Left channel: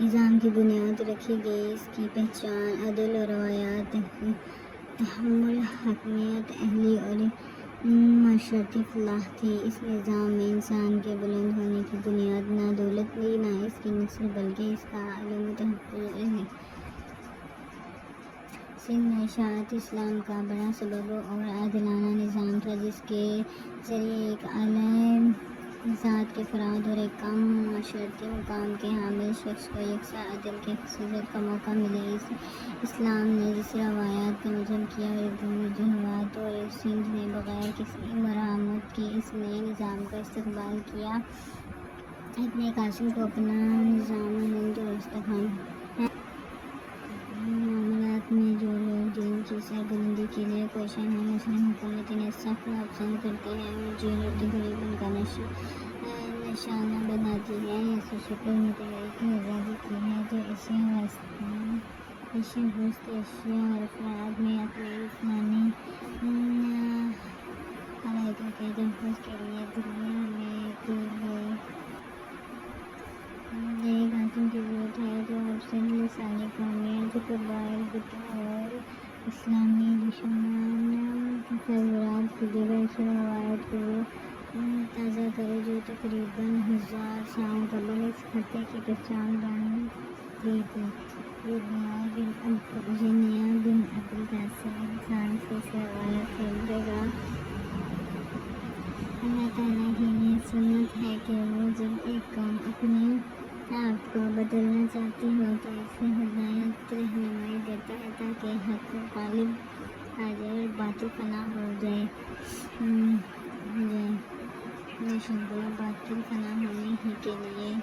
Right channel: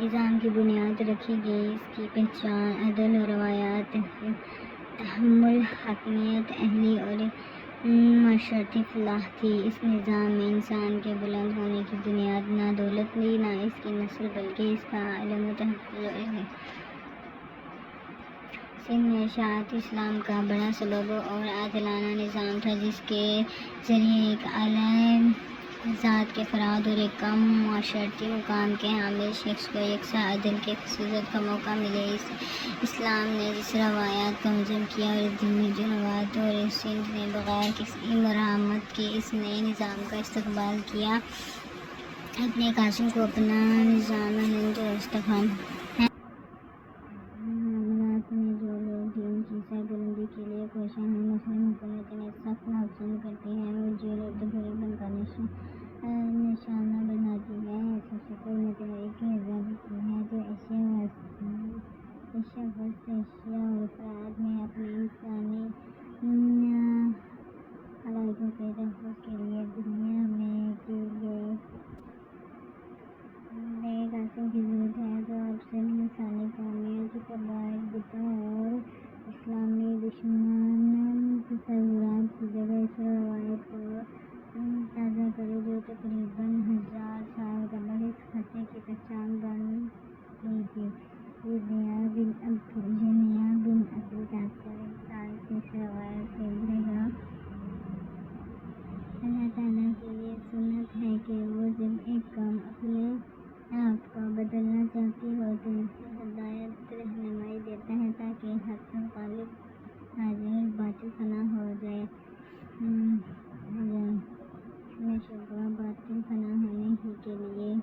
نظام کی بنیاد رکھی گئی۔ اس کی پہچان عدل و روایات، تحمل، حاکمیت، اہلی اور معاشرتی فلاح تھی۔ اس نظام میں انسان کے بلند ہونے کی بنیاد نہ دولت تھی، نہ اس کی نسل، بلکہ اس کا علم و تحفظ و سند میں اشاعت اسلام کا بڑا سبب اور عادلانہ نظام تھا، جس کے ذریعے ایک اعلیٰ ذات کے فرد اور ایک کم معاشرتی مقام کے حامل شخص کو یکساں عدل کے خصوصیت کا موقع ملے۔ اسلام نے جس روایات کا مذہب کیا اور جنوبات اور سندھ نے بغیر کسی مراعات کے اس نئے نظام کا استقبال کیا۔ ابن قاسم کو اپنا نظام ہند اور استحکام معاملات میں جو لوگ دین کی سربلندی کے لیے کوشاں ہیں، مسلم حکومت انہیں سخت ناپسند کرتے ہیں اور جیل اور تقریب ان کا نشانہ بناتی ہے۔ ایسی شکل میں تحریک آزادی کی ہے جو ایشیا، وسط ایشیا اور افراد میں اپنے انسانی حقائق کے تحفظ کے لیے دنیا میں کود گئی۔ ابن قاسم کی ضرورت ہے جو اب سے لسانی قومیت، قبائل، بتوں اور اسلامی دشمن تصورات کی جگہ اس روایت کو تازہ کرے جو تقریباً 1000 سال قبل اس خطے کی پہچان بن گئی تھی۔ ابن بن ابی قاسم انسان سے اس روایت سے ابھرے گا۔ اللہ تعالیٰ کی یہ سنت ہے کہ وہ جب ایک قوم اپنے آپ کو بدلنا چاہتی ہو تو اسے ہدایت رہنمائی دیتا ہے تاکہ حق غالب آ جائے اور باطل فنا ہو جائے۔ بے شک گویا باطل فنا ہونے ہی کے لیے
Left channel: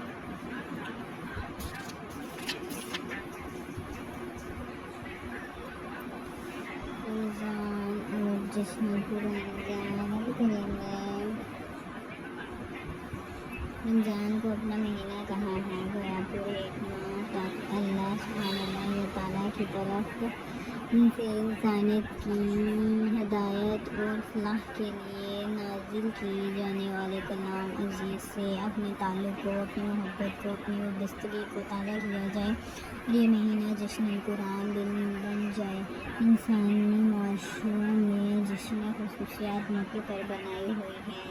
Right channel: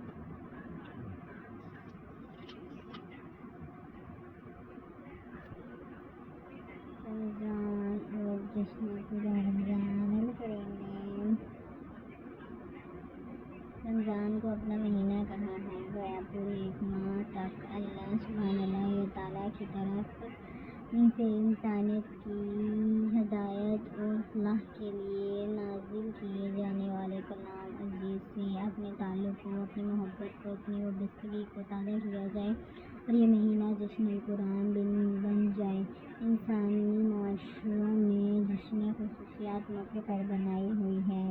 رمضان اور جشن پورا رمضان کو اپنا مہینہ کہا ہے، گویا پورے ایک ماہ تک اللہ سبحانہ و تعالیٰ کی طرف سے انسانیت کی ہدایت اور فلاح کے لیے نازل کیے جانے والے کلام عزیز سے اپنے تعلق کو، اپنی محبت کو، اپنی وابستگی کو تازہ کیا جائے اور یہ مہینہ جشن قرآن بن جائے۔ انسانی معاشروں میں جشن خصوصیات موقع پر بنائی ہوئی ہے۔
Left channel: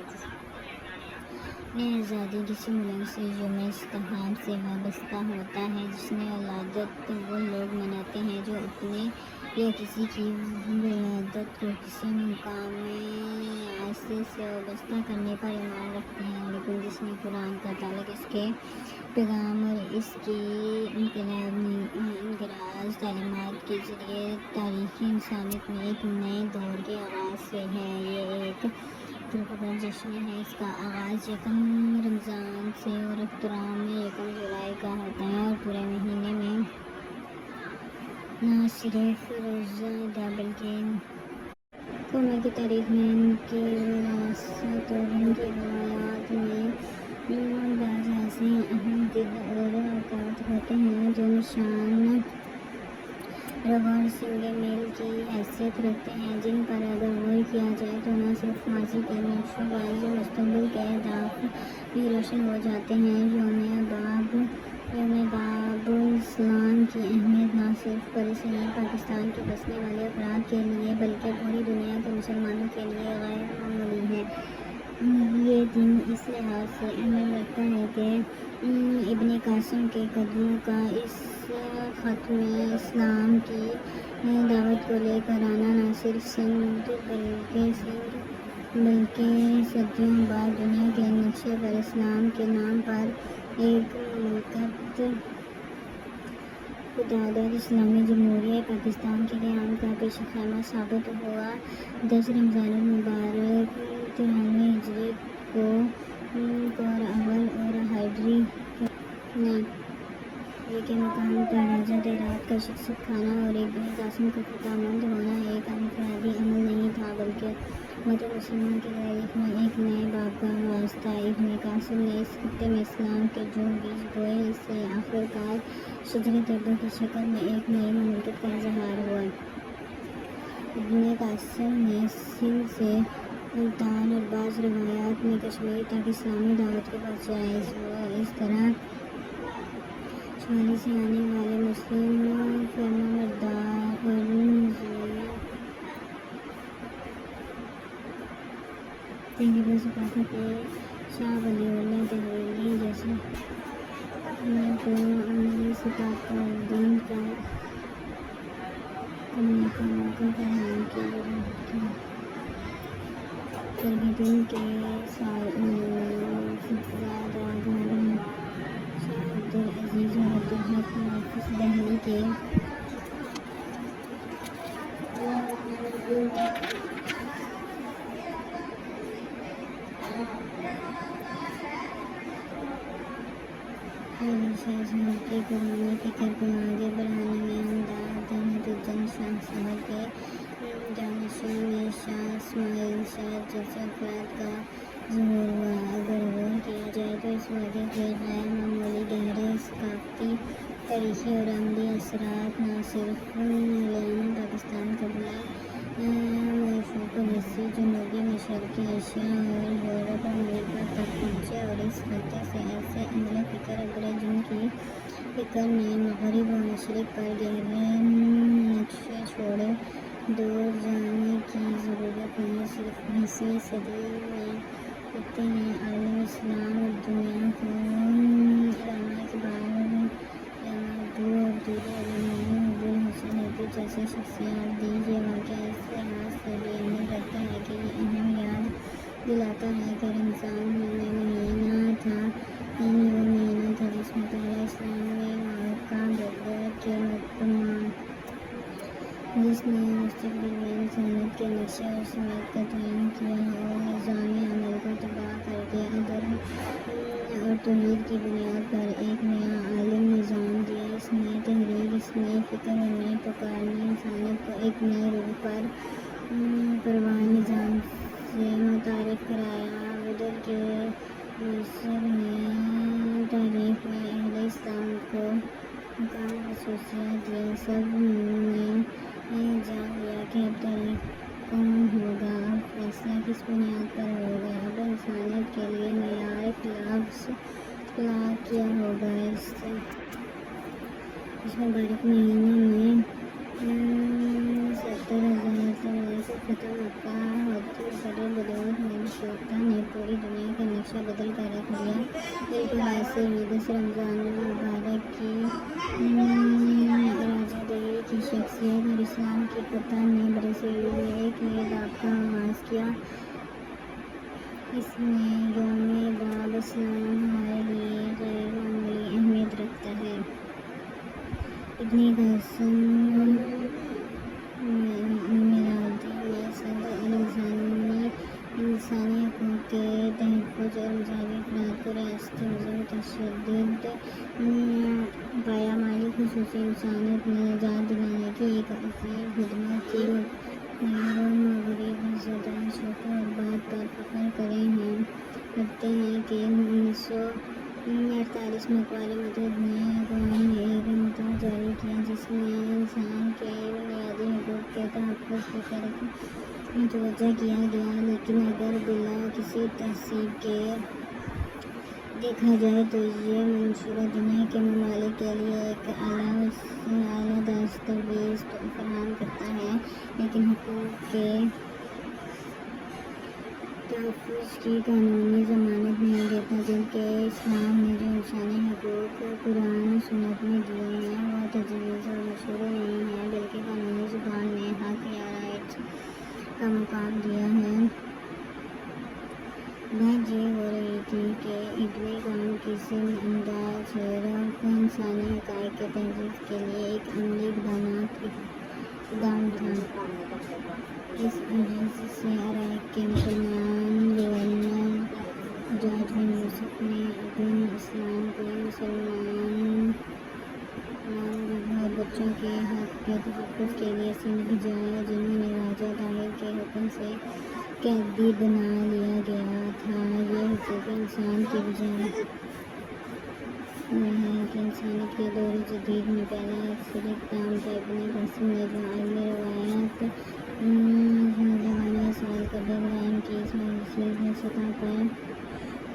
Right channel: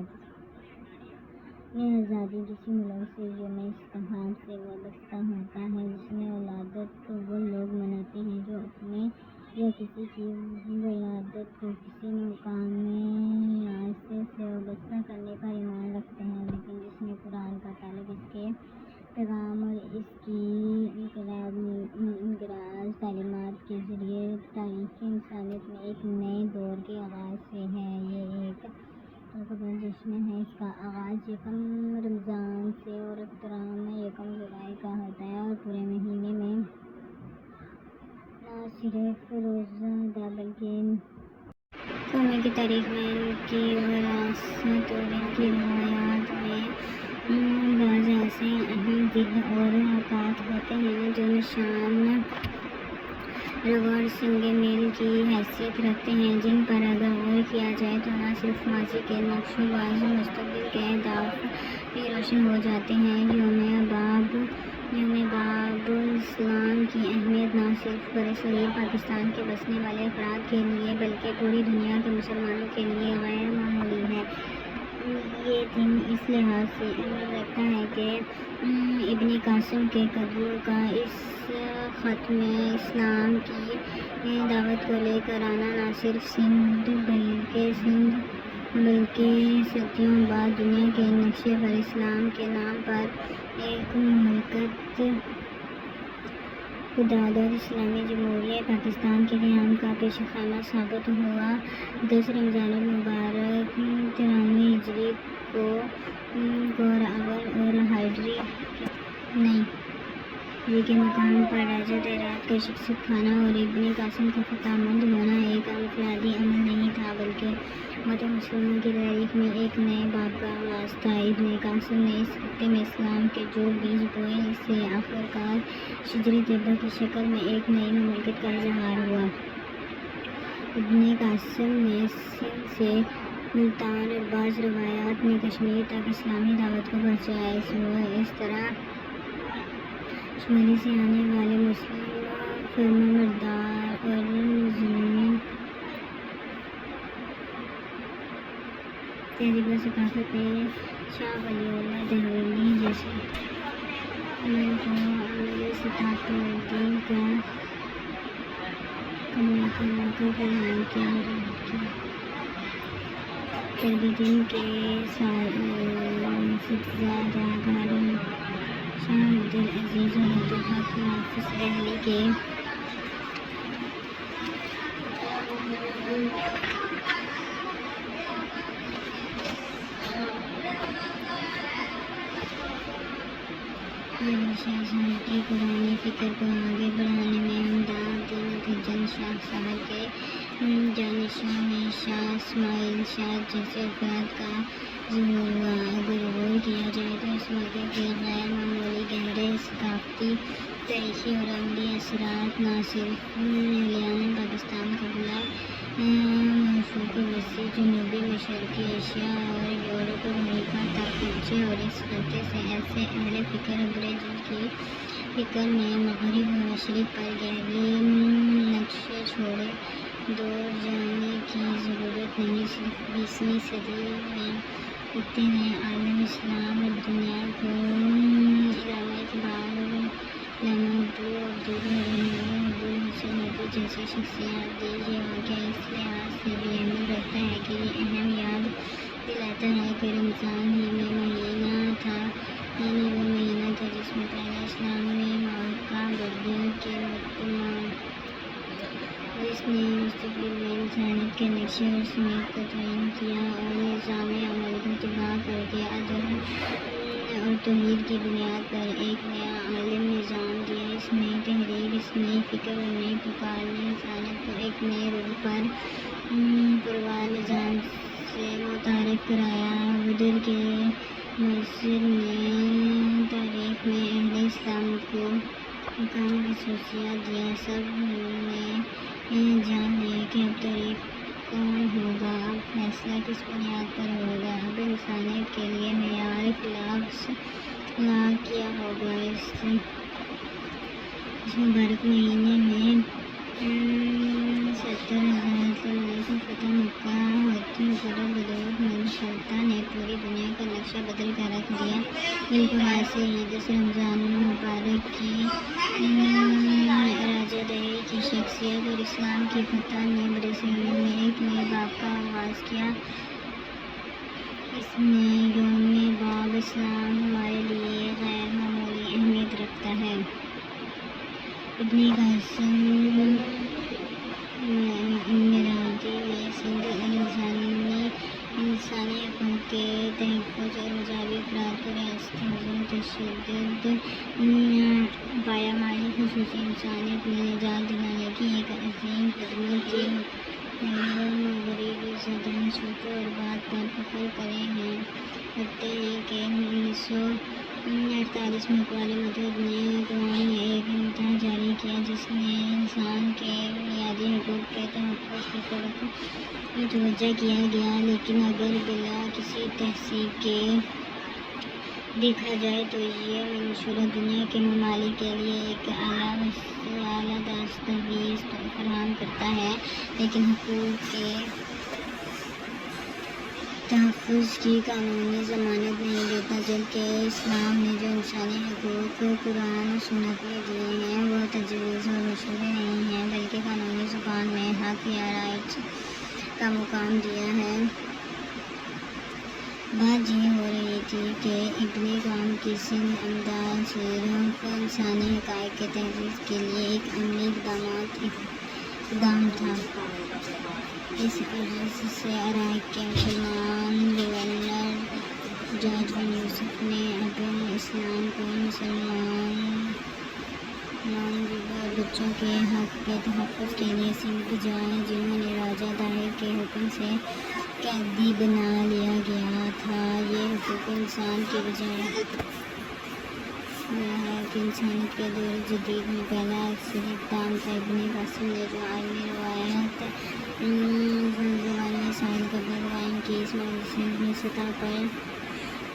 آزادی کسی ملک سے یوم استقلال سے وابستہ ہوتا ہے۔ جشن ولادت وہ لوگ مناتے ہیں جو اپنے یا کسی کی ولادت کو کسی مقامی عرصے سے وابستہ کرنے پر ایمان رکھتے ہیں، لیکن جشن قرآن کا تعلق اس کے پیغام اور اس کی انقراض تعلیمات کے ذریعے تاریخ انسانیت میں ایک نئے دور کے آغاز سے ہے۔ یہ ایک پرقدر جشن ہے۔ اس کا آغاز یکم رمضان سے اور اختتام میں یکم جولائی کا ہوتا ہے اور پورے مہینے میں نہ صرف روزہ ادا بلکہ قوموں کی تاریخ میں ان کی وراثت اور ان کی روایات میں بعض ایسے اہم دن اور اوقات ہوتے ہیں جو نشان روا اور سنگ میل کی حیثیت رکھتے ہیں، جن پر اگر غور کیا جائے تو نہ صرف ماضی کے نقش و باز مستقبل کے اہداف بھی روشن ہو جاتے ہیں۔ یوم باب اسلام کی اہمیت نہ صرف برصغیر پاکستان کے بسنے والے افراد کے لیے بلکہ پوری دنیا کے مسلمانوں کے لیے غیر معمولی ہے۔ یہ دن اس لحاظ سے اہمیت رکھتا ہے کہ ابن قاسم کے قدموں کا اس خط میں اسلام کی دعوت کو لے کر آنا نہ صرف سندھ بلکہ صدیوں بعد دنیا کے نقشے پر اسلام کے نام پر ایک مملکت خودداد اور اسلامی جمہوریہ پاکستان کے قیام کا پیش خیمہ ثابت ہوا۔ 10 رمضان المبارک 93 ہجری کو اول اور ہجری کے مقام پر راجہ دیرات کا شکست کھانا اور ابن قاسم کا خطامند ہونا ایک انفرادی عمل نہیں تھا بلکہ امت مسلمہ کی تاریخ میں ایک نئے باب کا آغاز تھا۔ ابن قاسم نے اس خطے میں اسلام کے جو بیج بوئے، اس سے آخرکار شجر طیبہ کی شکل میں ایک نئی مملکت کا اظہار ہوا۔ ابن قاسم نے سندھ سے ملتان اور بعض روایات میں کشمیر تک اسلامی دعوت کو پہنچایا۔ اس طرح شمالی سے آنے والے مسلم فرمانبردار اور زمین تہذیب و ثقافت شاہ ولی اللہ دہلوی جیسے کو ستاق الدین کا بیان کیا پھر بھی دن کے زیادہ گارم شاہ عبدالعزیز اور عبدالحق حافظ دہلی کے شاہ صاحب کے پرانے فکر کو آگے بڑھانے میں امداد نتیجن شاہ صاحب کے جانشینوں میں شاہ اسماعیل شاہ جیسے افراد کا ظہور ہوا۔ اگر غور کیا جائے تو اس واقعے کے غیر معمولی گہرے ثقافتی تاریخی اور عملی اثرات نہ صرف ہریانہ پاکستان قبلہ موصوف وسیع جنوبی مشرقی ایشیا اور یورپ امریکہ تک پہنچے اور اس خطے سے ایسے اہل فکر ابھرے جن کی فکر میں مغرب و مشرق پر گہرے نقشے چھوڑے دور جانے کی ضرورت نہیں۔ صرف 20ویں صدی میں خطے نے عالم اسلام اور دنیا کو علامہ اقبال، علامہ اردو اور دیگر روحانی حضور حسین نبوی جیسی شخصیات دی۔ یہ واقعہ اس لحاظ سے بھی اہمیت رکھتا ہے کہ یہ اہم یاد دلاتا ہے کہ رمضان ہی میں مہینہ تھا، یعنی وہ مہینہ تھا جس میں پہلا اسلامی معرکہ بدر کے مقدمان، جس نے مستقبل میں انسانیت کے نقشے اور سمیت کا تعین کیا اور نظام عمل کو تباہ کر کے عدل اور توحید کی بنیاد پر ایک نیا عالم نظام دیا۔ اس نئی تحریک، اس نئی فکر اور نئی پکار نے انسانیت کو ایک نئے روح پر پروار نظام سے متعارف کرایا۔ بدر کے مؤثر نے تاریخ میں اہل اسلام کو مقام و خصوصیت دیا۔ سب نے جان لیا کہ اب تاریخ کون ہوگا، اب فیصلہ کس بنیاد پر ہوگا، اب انسانیت کے لیے معیار اخلاق کیا ہوگا۔ اس مبارک مہینے میں 70,000 سے فتح مکہ ہوتی قدر بدولت منشورتا نے پوری دنیا کا نقشہ بدل کر رکھ دیا۔ بالکل واضح عید رمضان المبارک کی راجہ دہی کی شخصیت اور اسلام کی فتح نے برصغیر میں ایک نئے باب کا آغاز کیا۔ اس میں یوم باب اسلام ہمارے لیے غیر معمولی اہمیت رکھتا ہے۔ ابن قاسم مرادی نے انسانی حقوق کے تحفظ اور مذہبی افراد کو ریاستی نظم تشدد پایمالی خصوصی انسانیت میں نجات دلانے کی ایک عظیم خدمت کی اور مغربی صدر چھوٹے اور بات پر فخر کرتے ہیں کہ 1948 میں اقوام متحدہ نے قرآن میں ایک متن جاری کیا جس میں انسان کے بنیادی حقوق کے تحفظ کی طرف متوجہ کیا گیا، لیکن اگر بلا کسی تحقیق کے دیکھا جائے تو یہ منشورہ دنیا کے ممالک کے لیے ایک اعلیٰ دستاویز فراہم کرتا ہے، لیکن حقوق کے تحفظ کی قانونی ضمانت نہیں دیتا، جبکہ اسلام نے جو انسانی حقوق قرآن و سنت میں دیے ہیں وہ تجویز و مشورے نہیں ہیں بلکہ قانونی زبان میں حق یا رائٹ کا مقام دیا ہے۔ بات یہ ہو رہی تھی کہ ابن قاسم کی سند امداد صرف انسانی حقائق کے تحفظ کے لیے ایک عملی اقدام تھا۔ اس غرض سے عراق کے مسلمان گورنر حجاج بن یوسف نے ابن اسلام کو مسلمان اور بچوں کے حق کے تحفظ کے لیے سندھ بھیجا، جنہوں نے راجہ دہی کے حکم سے قیدی بنا لیا گیا تھا۔ یہ حقوق انسان کی بجائے ہے کہ انسانیت کے دور جدید میں پہلا اکثر اقدام تھا۔ ابن قاسم نے جو عالمی روایات زبانی وسائل کا قائم کی، اس میں صرف سطح پر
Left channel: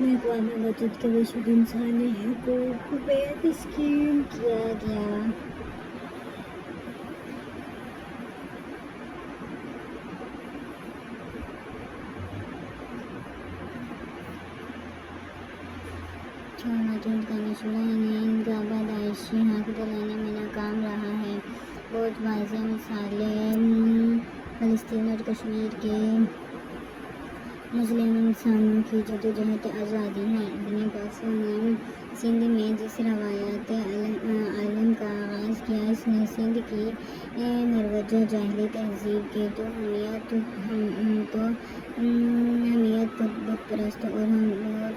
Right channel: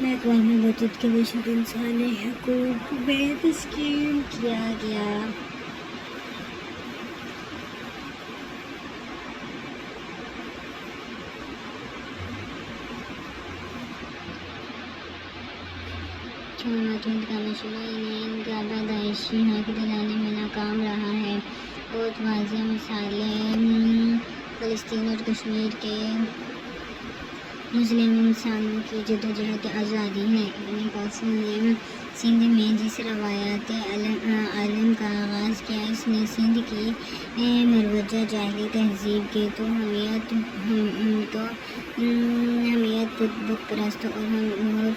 اقوام متحدہ کے بشر انسانی حقوق میں تسلیم کیا گیا۔ متحدہ کا مشورہ ان کا پیدائشی حق دلانے میں ناکام رہا ہے۔ بہت واضح مثالیں فلسطین اور کشمیر کے مسلم انسانوں کی جدوجہد آزادی ہے۔ ابن قاسم نے سندھ میں جس روایت علم کا آغاز کیا، اس نے سندھ کی مروجہ جاہلی تہذیب کے تو حمیت بت پرست اور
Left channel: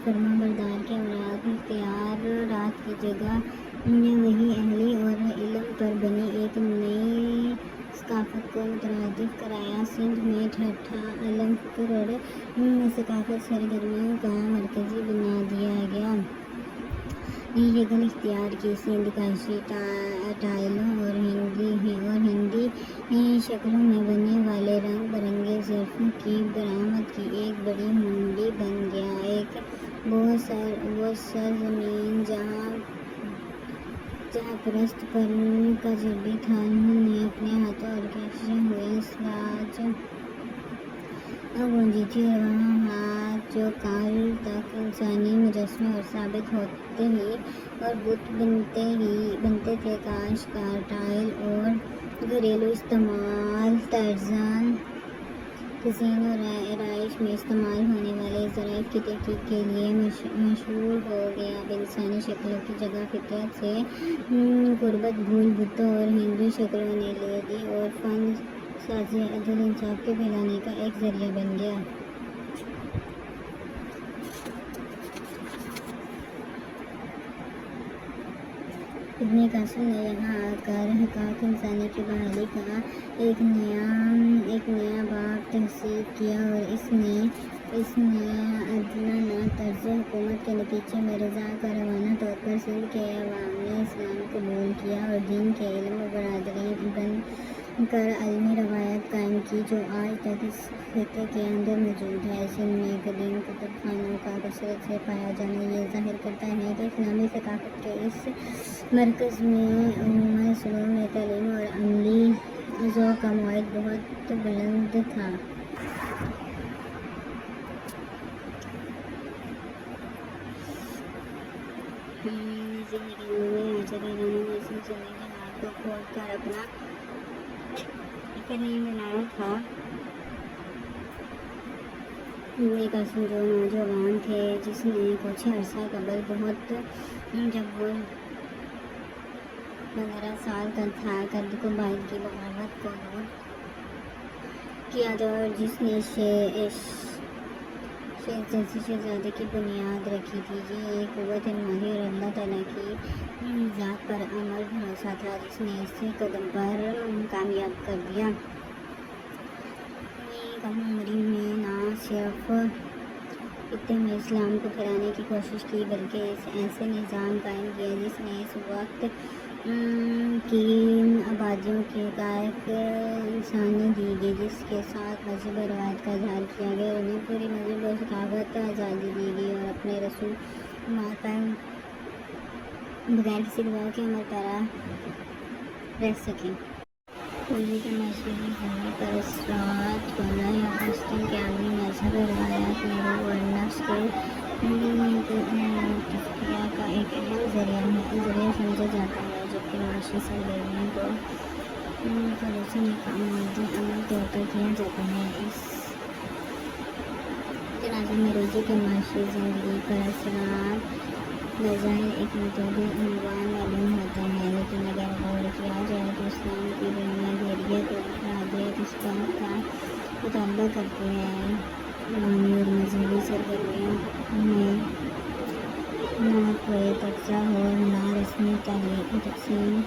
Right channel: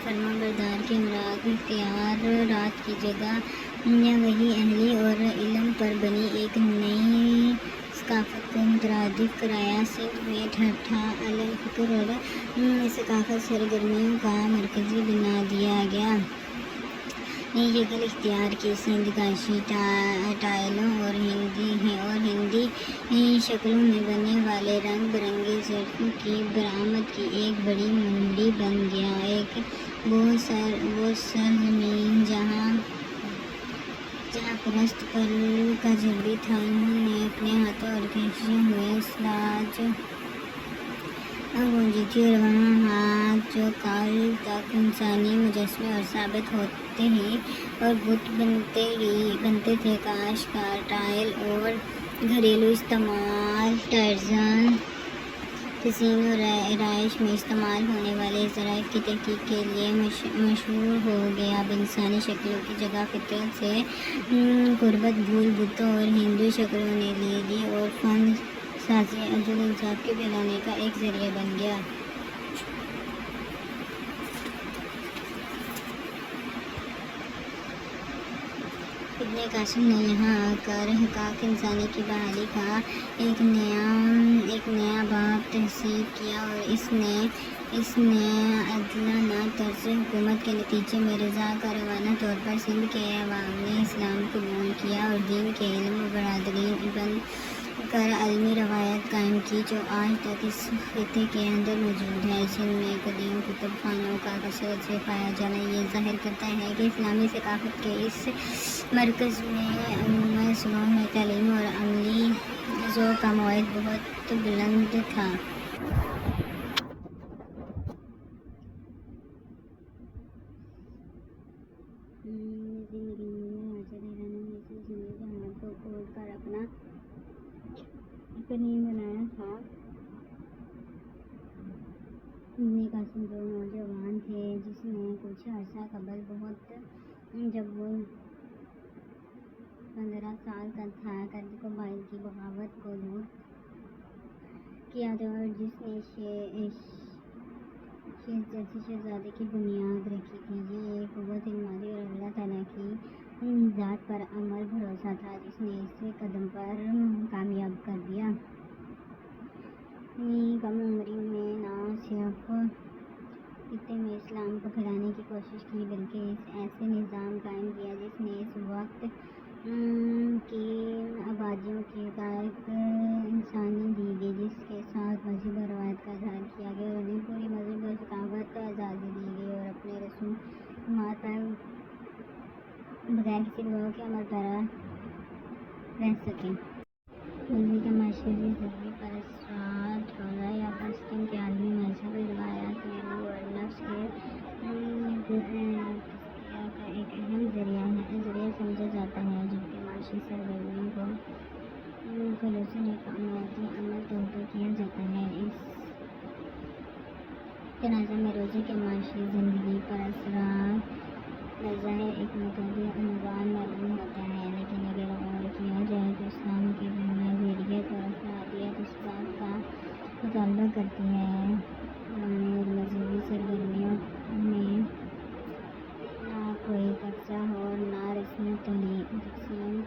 فرما بردار کے مراکز اختیارات کی جگہ وحی اہلی اور علم پر بنی ایک نئی ثقافت کو مترادف کرایا۔ سندھ میں ٹھٹھا علم، فکر اور ثقافت سرگرمیوں کا مرکز بنا دیا گیا۔ یہ شکل اختیار کی سندھ کاشی ٹائلوں اور ہندی شکلوں میں بننے والے رنگ برنگے ظرفوں کی برآمد کی ایک بڑی منڈی بن گیا۔ ایک وہ سرزمین جہاں پرست پر کا جبری تھا، انہوں نے اپنے ہاتھوں اور کھینچے ہوئے سلاج گونجی تھی، اور وہاں ہاتھ جو کال تک انسانی مجسمے اور ثابت ہوتے ہی اور بت بنتے تھے۔ کاشتکار ٹائل اور گھریلو استعمال ٹائرزان تزئین اور رہائش میں استعمال ہونے والے ظرائف کی تحقیق کے لیے مشہور ہو گیا۔ اب انسانی شکلوں کی جگہ فطرت سے قربت بھول بتوں اور ہندو شکلوں نے لے لی، اور فن سازی عدل انصاف کے پھیلانے کا ایک ذریعہ بن گیا۔ ابن قاسم نے یہاں آ کر حقائق انسانی کی بحالی کا ایک نیا باب تحصیل کیا، اور اس نے عادلانہ طرز حکومت کے نتیجے میں رضاکارانہ طور پر سندھ کے عوام نے اسلام قبول کیا اور دین کے علم و برادری بن کر عالمی روایت قائم کی، جو آج تک اس خطے کے اندر موجود ہے۔ سندھ میں قدیم کتب خانوں کا کثرت سے پایا جانا یہ ظاہر کرتا ہے کہ اسلامی ثقافت کے اس مرکز میں علوم سلوم میں تعلیم اور عملی ذوق کا معیار بہت بلند تھا۔ زندگی کے مار کو کھول کر اپنا نہیں بنایا تھا۔ ابن قاسم جو نوجوان تھے، جس نے کچھ عرصہ قبل جب وہ 15 سال کا تھا، قد قبائل کی بغاوت کو دور کیا تھا، اور جس نے شیخ جیسی شہزادے کی بنیاد رکھی تھی۔ یہ ایک قوت مالی اور اللہ تعالیٰ کی ذات پر عمل بھروسہ تھا، جس نے اسے قدم پر کامیاب کر دیا۔ کم عمری میں نہ صرف خطے میں اسلام کو پھیلانے کی کوشش کی، بلکہ ایسے نظام قائم کیا جس نے اس وقت کی آبادیوں کے حقائق انسانی دی گئی، جس کے ساتھ مذہب و روایت کا اظہار کیا گیا، اور انہیں پوری مذہب و ثقافت آزادی دی گئی، اور اپنے رسومات پر بغیر کسی دباؤ کے عمل پیرا رہ سکیں۔ اردو کے مشرقی حاوی پر اثرات گولا یا فلسطین کے عالمی مذہب روایات میں روح اور نفس کے تزکیہ کا ایک اہم ذریعہ سمجھا جاتا ہے، جبکہ معاشی سرگرمیوں کو خلوصاً ایک عمل طور پر کیا جاتا ہے۔ اس تناظر میں روزی کے معاشی زندگی پر اثرات بظاہر ایک متعدد عنوان معلوم ہوتے ہیں، لیکن اگر غور کیا جائے تو اسلام کی بنیادیت اور افرادیت اس بات کا مطالبہ کرتی ہے روحانی اور مذہبی سرگرمیوں میں نہ کوئی تقسیم ہو، نہ رسمی تقسیم۔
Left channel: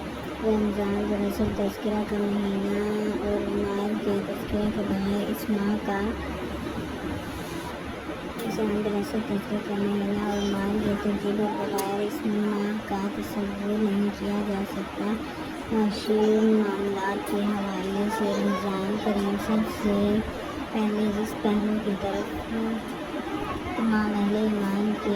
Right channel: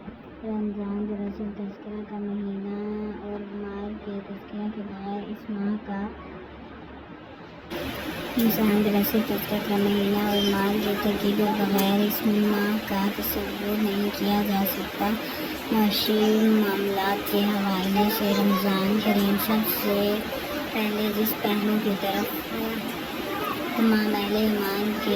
رمضان دراصل تذکرہ کا مہینہ اور مال کے تذکرہ کے بغیر اس ماہ کا ترکیب اور بغیر اس ماہ کا تصور نہیں کیا جا سکتا۔ معاشی معاملات کے حوالے سے رمضان کریم سب سے پہلے جس پہلو کی طرف تمام اہل ایمان کے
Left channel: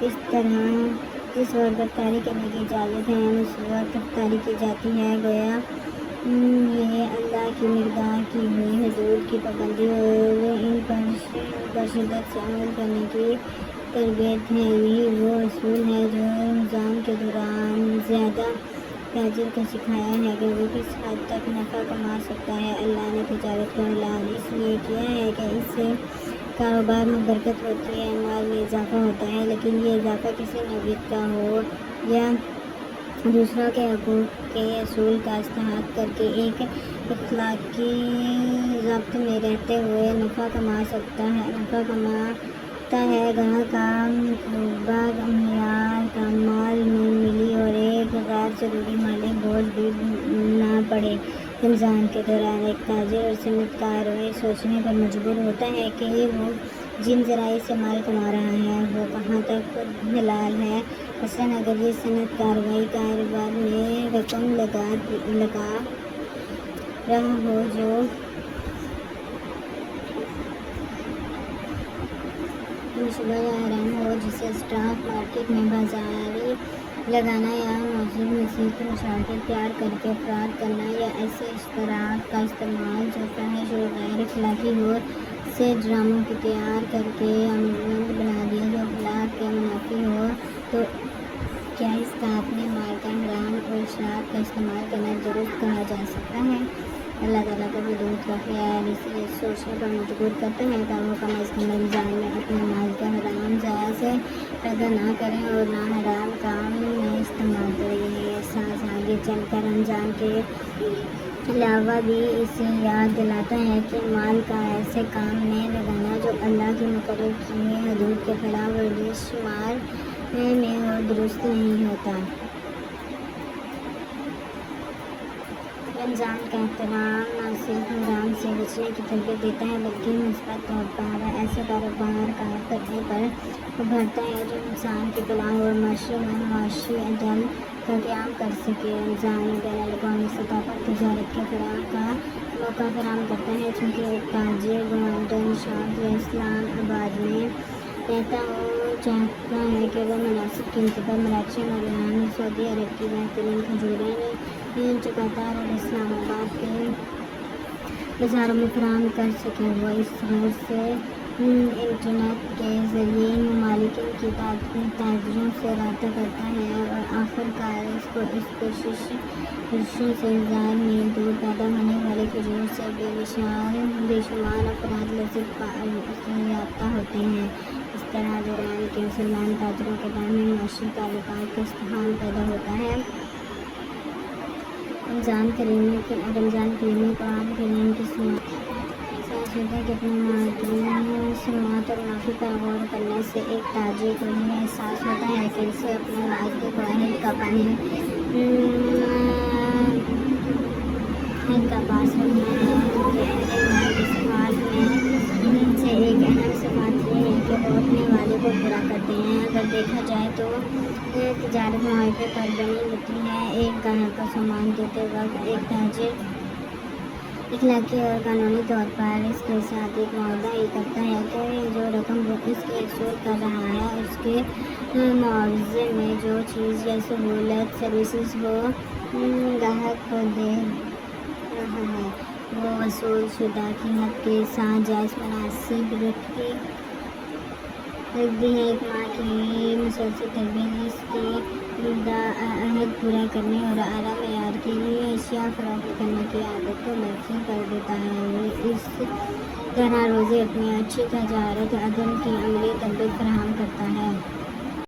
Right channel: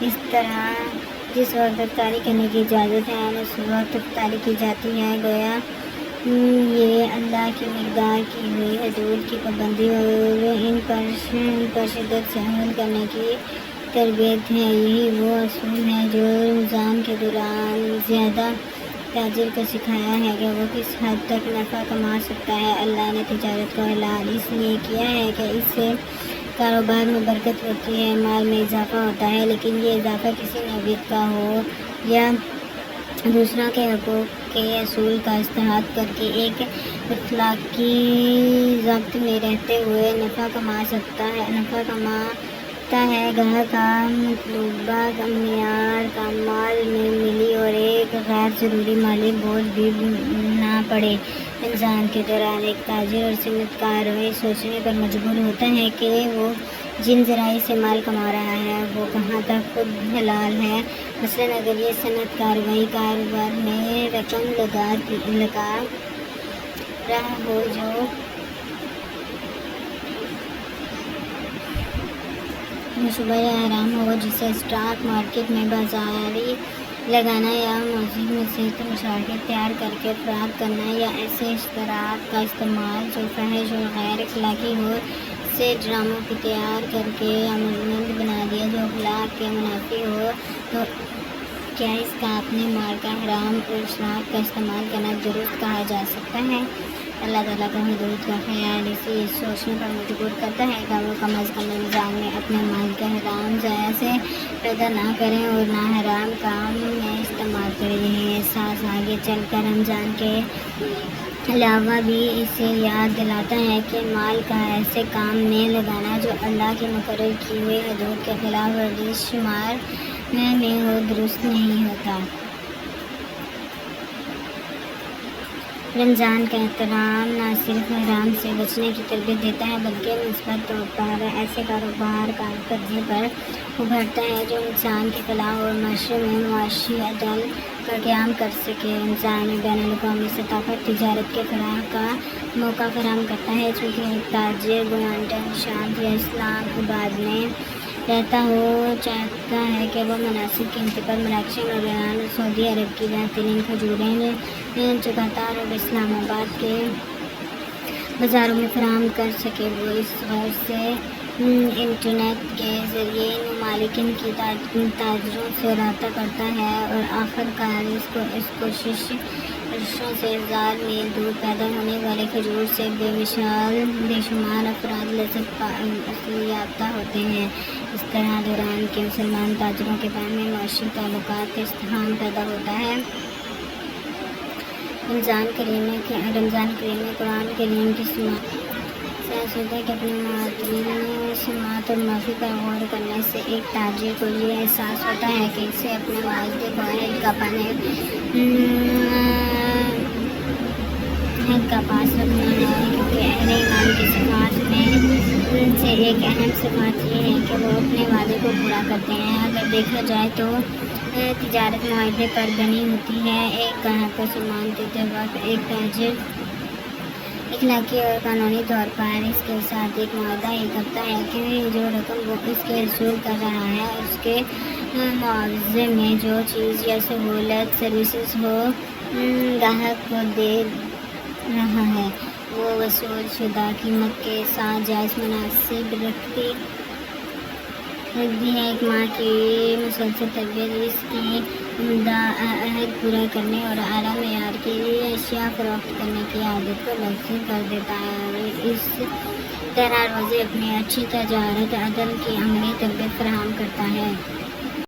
اس طرح جس وقت افطاری کرنے کی اجازت ہے اس وقت افطاری کی جاتی ہے۔ گویا یہ اللہ کی مقدار کی ہوئی حدود کی پابندی اور ان پر شدت سے عمل کرنے کی تربیت ہے۔ یہی وہ اصول ہے جو رمضان کے دوران زیادہ تاجر کو سکھایا ہے کہ وہ کس حد تک نفع کما سکتا ہے۔ اللہ نے تجارت کو حلال اس لیے کیا ہے کہ اس سے کاروبار میں برکت ہوتی ہے، مال میں اضافہ ہوتا ہے، لیکن یہ اضافہ کسی نوعیت کا ہو یا دوسروں کے حقوق کے اصول کا استحاط کر کے ایک اخلاقی ضبط میں رہتے ہوئے نفع کماتا ہے۔ گاہک کا مطلوبہ معیار کا مال میں ملی اور ایک غیر ضروری مالی بوجھ بھی نہ پڑے۔ رمضان کے دوران ایک تاجر اور صنعت کار یہ سوچنے پر مجبور ہوتا ہے کہ وہ جن ذرائع سے مال کما رہا ہے وہ کہاں تک خود حلال ہے۔ مثلاً اگر یہ صنعت کاروبار میں رقم لگا رہا ہو جو منصوبہ حرام ہو، جسے اسٹاک مارکیٹ میں بازاری لگانا یا موضوع میں سے مشاہد تیار کر کے افراد کرنا یا ایسے اشتہارات کا استعمال جو فحش اور غیر اخلاقی ہو، سے ڈراموں کی تیار کر کے عمل بنا دیا جو اخلاق کے منافی ہو، تو کیا اس کا اپنے مال کا حرام اور شراب کا استعمال کرنا درست کہا جا سکتا ہے؟ اللہ تعالیٰ کے حدود کا خیال اسے سوچنے پر مجبور کرتا ہے کہ وہ کم از کم رمضان میں اپنے مال کے حرام ضائع سے پیدا نہ کریں اور نہ حرام کام میں استعمال کریں۔ یہ احساس آگے چل کر رمضان کے علاوہ بھی اسے یاد دلاتا ہے کہ مال کا ایسے کام میں لگانا جو اللہ کی مقرر کی ہوئی حدود کے خلاف ورزش شمار میں ہو، درست نہیں ہوتا۔ رمضان کا احترام نہ صرف حرام سے بچنے کی تربیت دیتا ہے بلکہ مثبت طور پر ایسے کاروبار کام کرنے پر ابھارتا ہے جو انسان کی فلاح اور معاشرے میں معاشی عدل کا قیام کر سکے۔ رمضان میں بین الاقوامی سطح پر تجارت کے فلاح کا موقع فراہم کرتا ہے، چونکہ ایک تاجر گوانٹا نشاد یا اسلام آباد میں رہتا ہو چاہتا ہے کہ وہ مناسب قیمت پر مراکش اور ایران اور سعودی عرب کی بہترین کھجوریں قطر اور اسلام آباد کے بازاروں میں فراہم کر سکے۔ وہ اس غرض سے انٹرنیٹ کے ذریعے ان ممالکن کی تاجروں سے رابطہ کرتا ہے اور آخرکار اس کوششوں سے ہزار میل دور پیدا ہونے والے کھجور سے بے شمار افراد لذت یافتہ ہوتے ہیں۔ اس طرح دوران کے مسلمان تاجروں کے بین میں معاشی تعلقات کا استحکام پیدا ہوتا ہے۔ رمضان کریم میں قرآن کریم کی سماعت کے اپنے معتدل سماعت اور منافی کا غور کرنے سے ایک تاجر کو یہ احساس ہوتا ہے کہ اسے اپنے واحد کا پاس رکھنا ہے، کیونکہ اہل ایمان کی صفات میں سے ایک اہم صفات یہ ہے کہ وہ اپنے وعدے کو پورا کرتے ہیں۔ اگر دیکھا جائے تو تجارت معاہدے پر بنی ہوتی ہے۔ ایک گاہک کو سامان دیتے وقت ایک تاجر اخلاقی اور قانونی طور پر اس کے ساتھ ایک معاہدہ یہ کرتا ہے کہ جو رقم وہ اس کے حصول کر رہا ہے اس کے معاوضے میں جو چیز یا سہولت سروسز ہو گاہک کو دے رہا ہے وہ وصول شدہ قیمت کے ساتھ جائز مناسب رکھتی ہے۔ ایک ماہ کی مسلسل تربیت اس کی عہد پورا کرنے اور اعلیٰ معیار کی اشیاء فروخت کرنے کی عادت کو تکثیر کر دیتا ہے اور اس طرح روزے اپنی اچھی تجارت عدل کی عملی تربیت فراہم کرتا ہے۔